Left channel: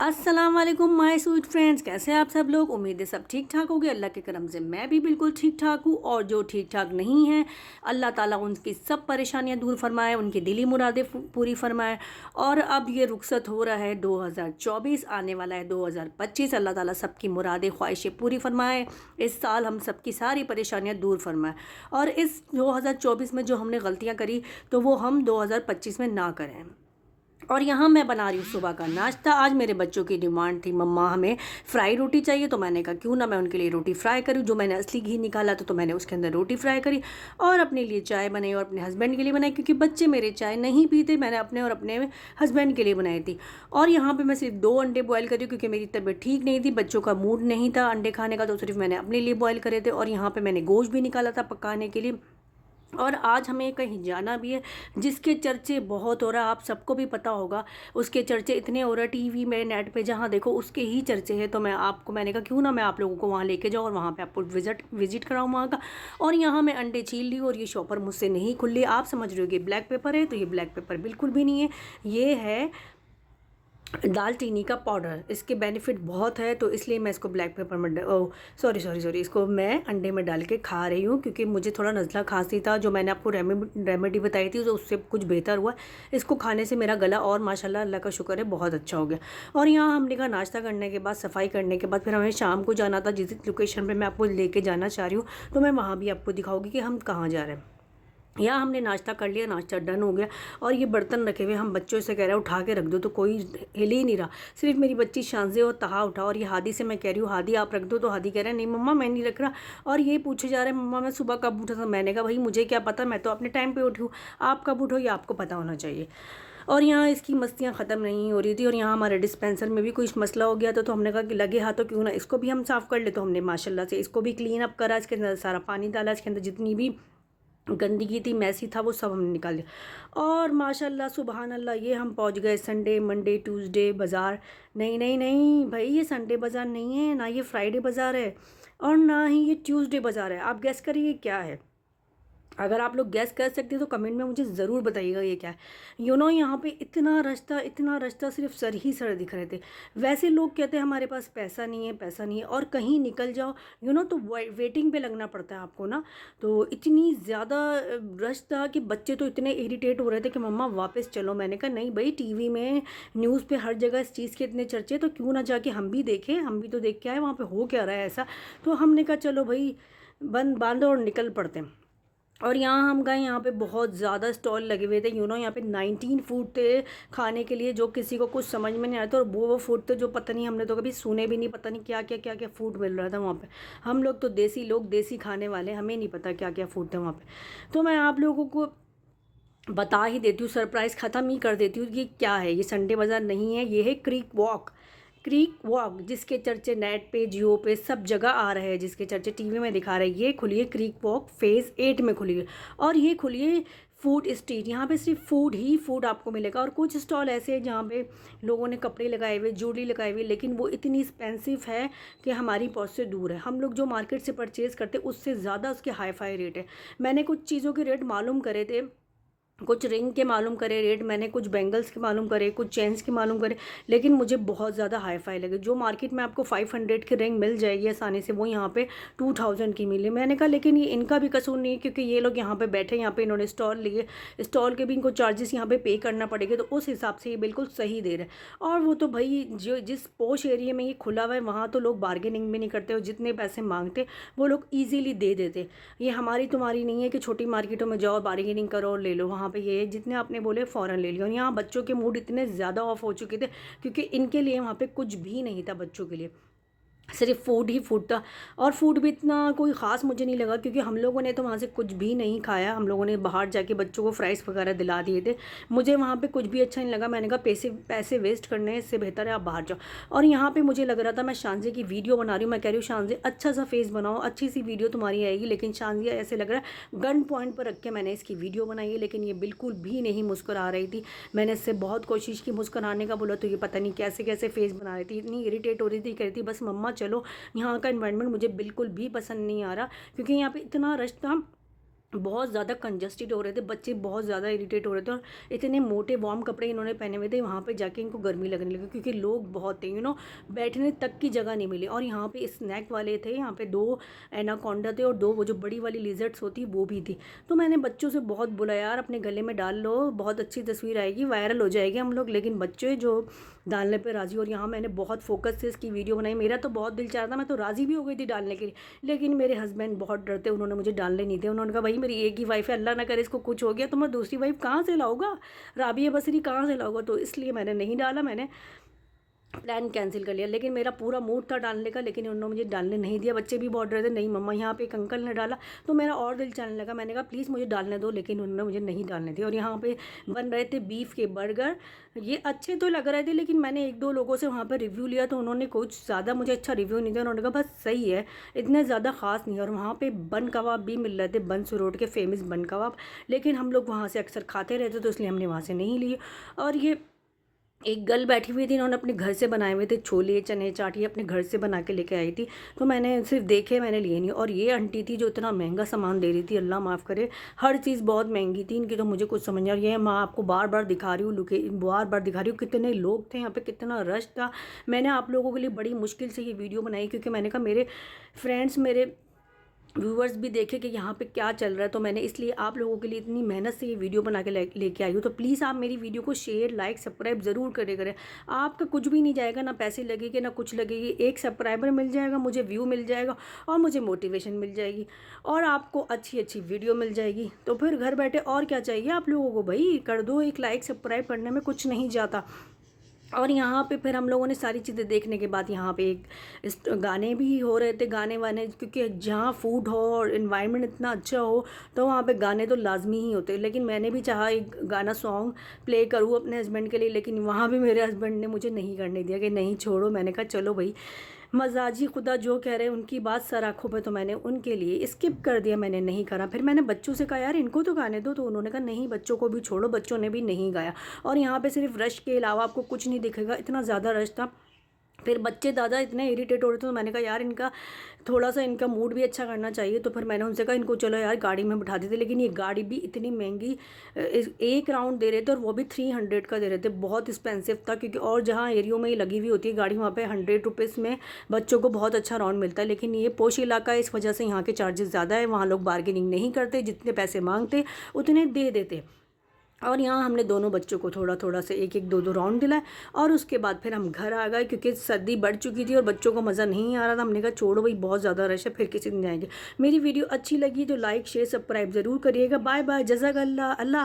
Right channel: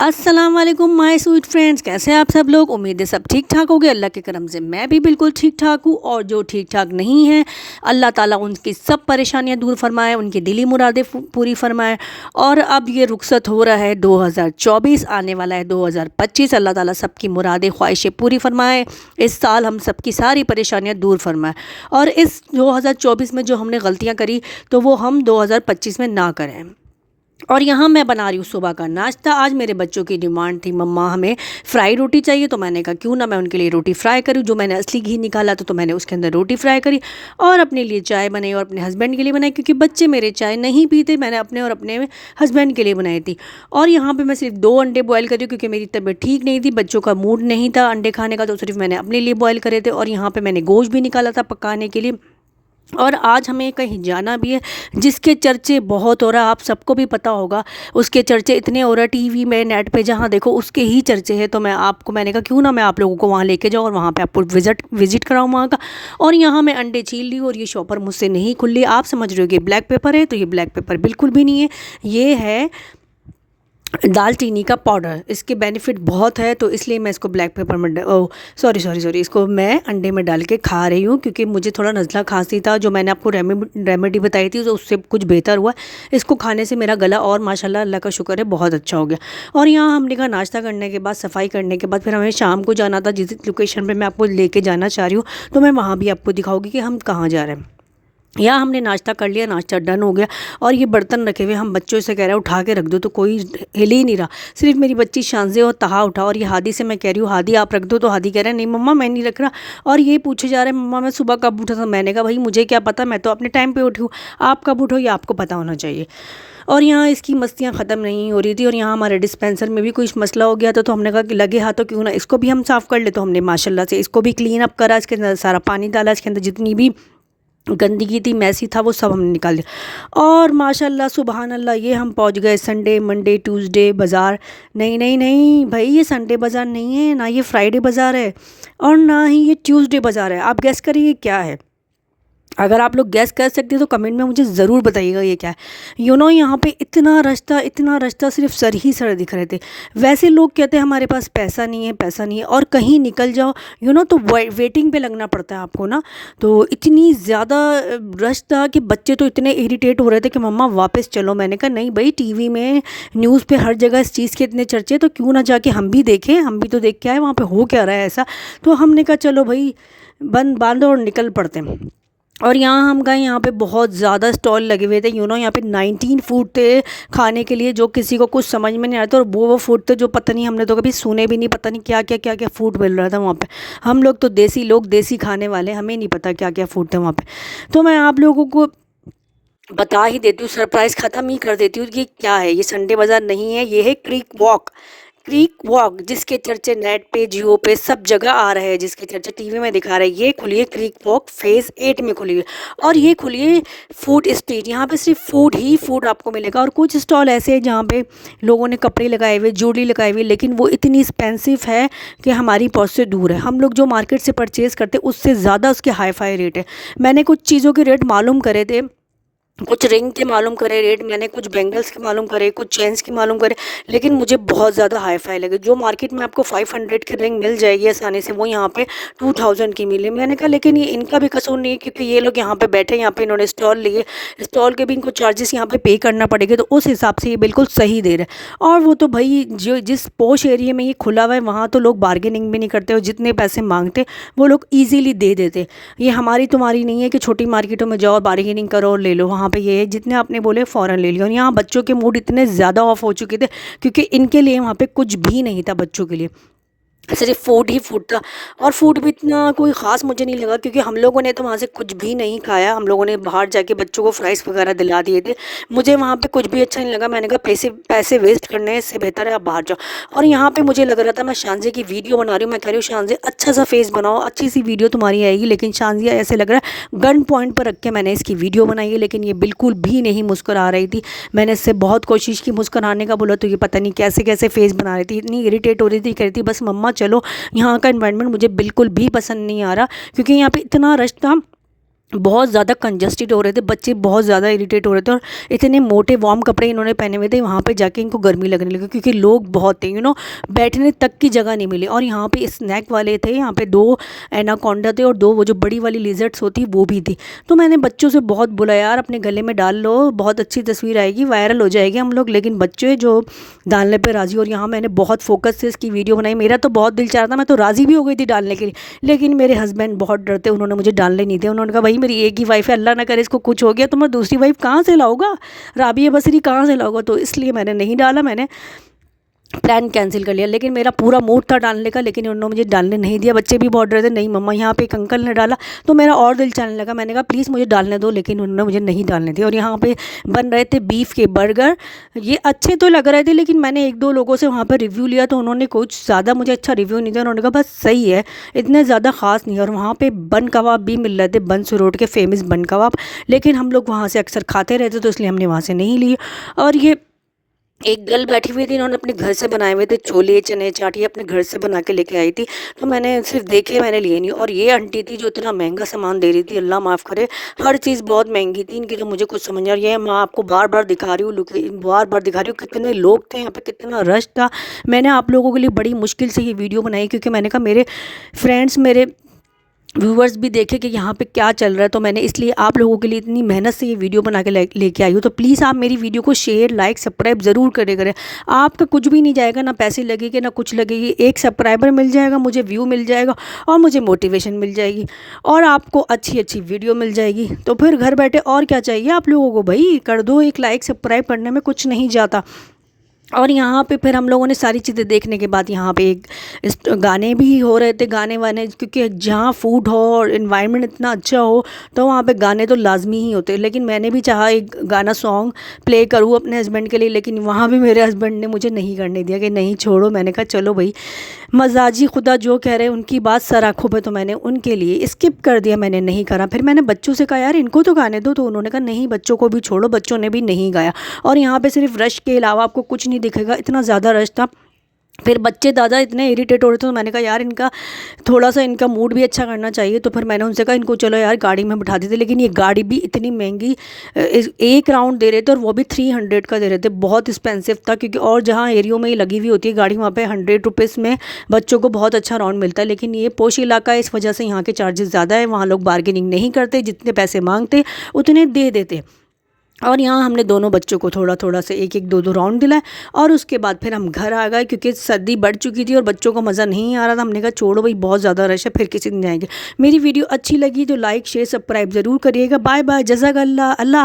अस्सलाम वालेकुम my sweet friends, कैसे हैं आप सब लोग। उम्मीद है सब ठीक ठाक होंगे। अल्लाह के करम से मैं भी बिल्कुल ठीक ठाक हूँ। और जो ठीक ठाक नहीं है, अल्लाह ताला उनकी सब परेशानियाँ दूर फरमाए, उनकी दिली मुरादें पूरी फरमाए। और अब ये रुखसत हो रहा है 2024, आने वाला है 2025। अल्लाह ताला सबकी मुरादें ख्वाहिशें पूरी फरमाए। इस साल हम सबकी सारी परेशानियाँ दूर फरमाए। और इस 2024 में जो हमने गलतियाँ करी तो वो हम 2025 में ना करें। और यहाँ मैं बना रही हूँ सुबह का नाश्ता। आज मेरे बच्चों की डिमांड थी, मम्मा हमें फ्राई रोटी चाहिए। तो मैंने कहा क्यों ना मैं उनके लिए रोटी फ्राई करूँ। जो मैंने असली घी निकाला तो मैंने उसके अंदर रोटी फ्राई करी और अपने लिए चाय बनाई और अपने हस्बैंड के लिए बनाई, क्योंकि बच्चे मेरे चाय नहीं पीते। मैंने अपने और अपने हस्बैंड के लिए बनाई थी। और यहाँ पर मैं सिर्फ 2 अंडे बॉयल करी, क्योंकि मेरी तबीयत ठीक नहीं थी, बच्चों का मूड नहीं था अंडे खाने का, तो सिर्फ मैंने अपने लिए बॉयल करे थे। और यहाँ पर मैंने गोश्त भी निकाला था पकाने के लिए। और आज हमें कहीं जाना भी है, जिसके चर्चे बहुत हो रहा है, आप सबको भी पता होगा। उसके चर्चे इतने हो रहा है टीवी में, नेट पे, जहाँ देखो उसके ही चर्चे हैं। तो मैंने कहा क्यों ना मैं आप लोगों को वहाँ लेके जाऊँ और वहाँ पे आपको विजिट कराऊँ वहाँ का। और यहाँ मैं अंडे छील ली और ये शॉपर मुझसे नहीं खुल रही। आप समझ रहे हो कि ब्लैक पेपर है, तो ये ब्लैक पेपर बिल्कुल भी नहीं है। ये है दालचीनी का पाउडर। इसके बेनिफिट बहुत है, तो इसलिए मैं इसको ब्लैक पेपर में सॉरी इसको मैं अंडे में डाल के खा रही हूँ, क्योंकि मुझे थोड़ा नज़ला खांसी था। जो मैंने आपको रेमेडी बताई थी तो उससे कुछ बेहतर हुआ। इसको खाने से मेरा गला और माशाल्लाह अल्लाह का शुक्र है बहुत अच्छा हो गया। और यहाँ हमने कहा नाश्ता करने के बाद, सफाई करने के बाद, फिर हमें शाम को जाना था जिस लोकेशन पर मैं आपको लेके जाना चाह रही हूँ। तो मैं वहाँ भी आपको दिखाऊँगी कि हम कहाँ जा रहे हैं। यहाँ हमने नाश्ता कर लिया, नाश्ता डन हो गया। और ये बर्तन रखे हुए, हम बच्चों से कह रहे हैं उठा के रख दो, तो कोई हिल ही नहीं रहा। सिर्फ मेरी बच्ची शांजे और तहा उठा। और ये हादी से मैं कह रही हूँ हादी आप रख दो, तो हादी कह रहा है नहीं मम्मा मैं नहीं रख रहा। और ये पूछे जा रहे हैं मम्मा मैं सुबह कब उठा था। मैंने कहा भाई मुझे क्या पता, मैं तो अपने टाइम पर उठी हूँ, आप कब उठो ये आपको पता होना चाहिए। और यहाँ इसकी मस्तियाँ ख़त्म नहीं हो रही थी। और यहाँ हमारे डिस्पेंसर में भी कुछ मसला हो गया था, तो हमने कहा कि लगे हाथों क्यों ना इसको भी हम साफ़ कर ले। तो हमने माशाल्लाह से इसको भी क्लीन अप करा, इसके अंदर सारा पानी डाला, इसके अंदर जितनी भी गंदगी थी, मैसी था, वो सब हमने निकाल दिया। और माशाल्लाह सुबहान अल्लाह, ये हम पहुंच गए संडे मंडे ट्यूसडे बाज़ार। नहीं नहीं नहीं भाई, ये संडे बाज़ार नहीं है, ना ये फ्राइडे बाज़ार है और ना ही ये ट्यूसडे बाज़ार है। आप गैस करिए क्या है। अगर आप लोग गैस कर सकते हैं तो कमेंट में मुझे ज़रूर बताइएगा ये क्या है। यहाँ पे इतना रास्ता सिर्फ सर ही सर दिख रहे थे। वैसे लोग कहते हैं हमारे पास पैसा नहीं है, पैसा नहीं है, और कहीं निकल जाओ तो वेटिंग पे लगना पड़ता है आपको ना। तो इतनी ज़्यादा रश था कि बच्चे तो इतने इरिटेट हो रहे थे कि मम्मा वापस चलो। मैंने कहा नहीं भाई, टीवी में न्यूज़ पे हर जगह इस चीज़ के इतने चर्चे, तो क्यों ना जाके हम भी देखें, हम भी तो देख के आए वहाँ पे हो क्या रहा है ऐसा। तो हमने कहा चलो भाई बांधो और निकल पड़ते हैं। और यहाँ हम गए, यहाँ पे बहुत ज़्यादा स्टॉल लगे हुए थे। यहाँ पे 19 फूड थे खाने के लिए, जो किसी को कुछ समझ में नहीं आता। और वो फूड थे जो पता नहीं, हमने तो कभी सुने भी नहीं, पता नहीं क्या फूड मिल रहा था वहाँ पे। हम लोग तो देसी लोग, देसी खाने वाले, हमें नहीं पता क्या क्या फूड थे वहाँ पे। तो मैं आप लोगों को बता ही देती हूँ, सरप्राइज़ ख़त्म ही कर देती हूँ कि क्या है। ये संडे बाज़ार नहीं है, ये है क्रीक वॉक, जिसके चर्चे नेट पे, जियो पे, सब जगह आ रहे हैं, जिसके चर्चे टीवी में दिखा रहे हैं। ये खुली है क्रीक वॉक, फेज़ 8 में खुली है। और ये खुली है फूड स्ट्रीट। यहाँ पे सिर्फ फूड ही फूड आपको मिलेगा। और कुछ स्टॉल ऐसे हैं जहाँ पे लोगों ने कपड़े लगाए हुए, ज्वेलरी लगाई हुई, लेकिन वो इतनी एक्सपेंसिव है कि हमारी पहुँच से दूर है। हम लोग जो मार्केट से परचेज़ करते हैं उससे ज़्यादा उसके हाई फाई रेट है। मैंने कुछ चीज़ों के रेट मालूम करे थे, कुछ रिंग के मालूम करे रेट, मैंने कुछ बैंगल्स के मालूम करे, कुछ चेन्स के मालूम करे, लेकिन मुझे बहुत ज़्यादा हाई फाई लगे। जो मार्केट में आपको 500 की रिंग मिल जाएगी आसानी से, वो यहाँ पे 2000 की मिली। मैंने कहा लेकिन ये इनका भी कसूर नहीं है, क्योंकि ये लोग यहाँ पे बैठे, यहाँ पे इन्होंने स्टॉल लिए, स्टॉल के भी इनको चार्जेस यहाँ पे पे करना पड़ेगा, तो उस हिसाब से ये बिल्कुल सही दे रहे हैं। और वो तो भाई जो जिस पोश एरिया में ये खुला हुआ है, वहाँ तो लोग बार्गेनिंग भी नहीं करते, और जितने पैसे मांगते वो लोग ईजीली दे देते। ये हमारी तुम्हारी नहीं है कि छोटी मार्केटों में जाओ, बार्गेनिंग करो और ले लो। वहाँ पे ये है जितने आपने बोले फ़ौरन ले लिया। और यहाँ बच्चों के मूड इतने ज़्यादा ऑफ हो चुके थे, क्योंकि इनके लिए वहाँ पे कुछ भी नहीं था बच्चों के लिए, सिर्फ फूड ही फूड था। और फूड भी इतना कोई ख़ास मुझे नहीं लगा, क्योंकि हम लोगों ने तो वहाँ से कुछ भी नहीं खाया। हम लोगों ने बाहर जाके बच्चों को फ्राइज़ वगैरह दिला दिए थे। मुझे वहाँ पे कुछ भी अच्छा नहीं लगा। मैंने कहा पैसे पैसे वेस्ट करने हैं, इससे बेहतर है आप बाहर जाओ। और यहाँ पे मुझे लग रहा था, मैं शानजे की वीडियो बना रही हूँ, मैं कह रही हूँ शानजे अच्छा सा फेस बनाओ, अच्छी सी वीडियो तुम्हारी आएगी। लेकिन शानजिया ऐसे लग रहा है गन पॉइंट पर रख के मैंने इसकी वीडियो बनाई है, लेकिन ये बिल्कुल भी नहीं मुस्कुरा रही थी। मैंने इससे बहुत कोशिश की मुस्कुराने का, बोला तो ये पता नहीं कैसे कैसे फेस बना रही थी, इतनी इरीटेट हो रही थी, कह रही थी बस मम्मा चलो। यहाँ का एनवायरनमेंट मुझे बिल्कुल भी पसंद नहीं आ रहा, क्योंकि यहाँ पे इतना रश था। बहुत ज़्यादा कंजस्टेड हो रहे थे, बच्चे बहुत ज़्यादा इरिटेट हो रहे थे और इतने मोटे वार्म कपड़े इन्होंने पहने हुए थे, वहाँ पे जाके इनको गर्मी लगने लगी क्योंकि लोग बहुत थे, बैठने तक की जगह नहीं मिली। और यहाँ पे स्नैक वाले थे, यहाँ पे 2 एनाकोंडा थे और 2 वो जो बड़ी वाली लिजर्ट्स होती वो भी थी। तो मैंने बच्चों से बहुत बोला, यार अपने गले में डाल लो, बहुत अच्छी तस्वीर आएगी, वायरल हो जाएगी हम लोग, लेकिन बच्चे जो डालने पर राज़ी। और यहाँ मैंने बहुत फोकस से इसकी वीडियो बनाई, मेरा तो बहुत दिल चाह रहा था, मैं तो राज़ी भी हो गई थी डालने के लिए, लेकिन मेरे हस्बैंड बहुत डरते, उन्होंने मुझे डालने नहीं दिया। उन्होंने कहा भाई मेरी एक ही वाइफ है, अल्लाह ना करे इसको कुछ हो गया तो मैं दूसरी वाइफ कहाँ से लाऊंगा, राबिया बसरी कहाँ से लाऊंगा। तो इसलिए मैंने नहीं डाला, मैंने प्लान कैंसिल कर लिया। लेकिन मेरा पूरा मूड था डालने का, लेकिन उन्होंने मुझे डालने नहीं दिया। बच्चे भी बहुत डर थे, नहीं मम्मा, यहाँ पे एक अंकल ने डाला तो मेरा और दिल चलने लगा। मैंने कहा प्लीज़ मुझे डालने दो, लेकिन उन्होंने मुझे नहीं डालने दिया। और यहाँ पे बन रहे थे बीफ के बर्गर, ये अच्छे तो लग रहे थे, लेकिन मैंने 1-2 लोगों से वहाँ पर रिव्यू लिया तो उन्होंने कुछ ज़्यादा मुझे अच्छा रिव्यू नहीं दिया। उन्होंने कहा बस सही है, इतने ज़्यादा ख़ास नहीं है। और वहाँ पर बन कबाब भी मिल रहे थे, बंस रोड के फेमस बन कबाब, लेकिन हम लोग वहाँ से अक्सर खाते रहते तो इसलिए हमने वहाँ से नहीं लिए। और ये एक गर्ल बैठी हुई थी, इन्होंने अपने घर से बनाए हुए थे छोले चने चाट, ये अपने घर से बना के लेके आई थी, तो मैंने सिर्फ देखे, मैंने लिए नहीं। और ये आंटी थी जो इतना महंगा सामान दे रही थी, अल्लाह माफ़ करे, हर चीज़ बहुत महंगी थी इनकी, तो मुझे कुछ समझ नहीं आ रहा। ये मैं आपको बार बार दिखा रही हूँ, बार बार दिखा रही हूँ कितने लोग थे यहाँ पे, कितना रश था। मैंने आप लोगों के लिए बड़ी मुश्किल से ये वीडियो बनाई, क्योंकि मैंने कहा मेरे फ्रेंड्स, मेरे व्यूवर्स भी देखे कि यहाँ पे क्या चल रहा है, तो मैंने इसलिए आप लोगों के लिए इतनी मेहनत से ये वीडियो बना के लेके आई हूँ। तो प्लीज़ आप मेरी वीडियो को शेयर, लाइक, सब्सक्राइब ज़रूर करें। आपका कुछ भी नहीं जाएगा, ना पैसे लगेंगे ना कुछ लगेगी, एक सब्सक्राइबर मिल जाएगा, मुझे व्यू मिल जाएगा और मुझे मोटिवेशन मिल जाएगी और आपको अच्छी अच्छी वीडियो मिल जाएगी। तो फिर घर बैठे और क्या चाहिए आप लोगों को, भाई कर दो, एक लाइक सब्सक्राइब करने में कुछ नहीं जाता। और यहाँ पे फिर हम लोगों ने सारी चीज़ें देखने के बाद यहाँ पे एक गाने भी हो रहे थे, गाने वाने, क्योंकि जहाँ फूड हो और इन्वायरमेंट इतना अच्छा हो तो वहाँ पे गाने तो लाजमी ही होते हैं। लेकिन मैंने भी चाहा एक गाना सॉन्ग प्ले करूँ अपने हस्बैंड के लिए, लेकिन वहाँ भी मेरे हस्बैंड ने मुझे नहीं करने दिया कि नहीं छोड़ो। मैंने कहा चलो भाई, मजाजी खुदा जो कह रहे हैं उनकी बात सर आँखों पे, तो मैंने उनके लिए स्किप कर दिया, मैंने नहीं करा। फिर मैंने बच्चों से कहा यार इनको तो गाने दो, तो उन्होंने कहा नहीं बच्चों को भी छोड़ो, बच्चों ने भी नहीं गाया। और यहाँ पे सिर्फ रश के अलावा आपको कुछ नहीं दिखेगा, इतना ज़्यादा रश था। फिर बच्चे दादा इतने इरिटेट हो रहे थे, तो मैंने कहा यार इनका थोड़ा सा इनका मूड भी अच्छा करना चाहिए। तो फिर मैंने उनसे कहा इनको चलो यार गाड़ी में बिठा देते, लेकिन ये गाड़ी भी इतनी महंगी, एक राउंड दे रहे थे और वो भी 300 का दे रहे थे, बहुत एक्सपेंसिव था। क्योंकि और जहाँ एरियो में ये लगी हुई होती है गाड़ी, वहाँ पे 100 रुपीज़ में बच्चों को बहुत अच्छा राउंड मिलता है। लेकिन ये पोश इलाका है, इस वजह से यहाँ के चार्जेस ज़्यादा है, वहाँ लोग बार्गेनिंग नहीं करते, जितने पैसे मांगते उतने दे देते। और यहाँ हमने दोनों बच्चों को थोड़ा थोड़ा से 1-1 2-2 राउंड दिलाए और उसके बाद फिर हम घर आ गए, क्योंकि सर्दी बढ़ चुकी थी और बच्चों को मज़ा नहीं आ रहा था। हमने कहा छोड़ो भाई, बहुत ज़्यादा रश है, फिर किसी दिन जाएंगे। मेरी वीडियो अच्छी लगी तो लाइक शेयर सब्सक्राइब ज़रूर करिएगा। बाय बाय, जज़ाकल्लाह, अल्लाह।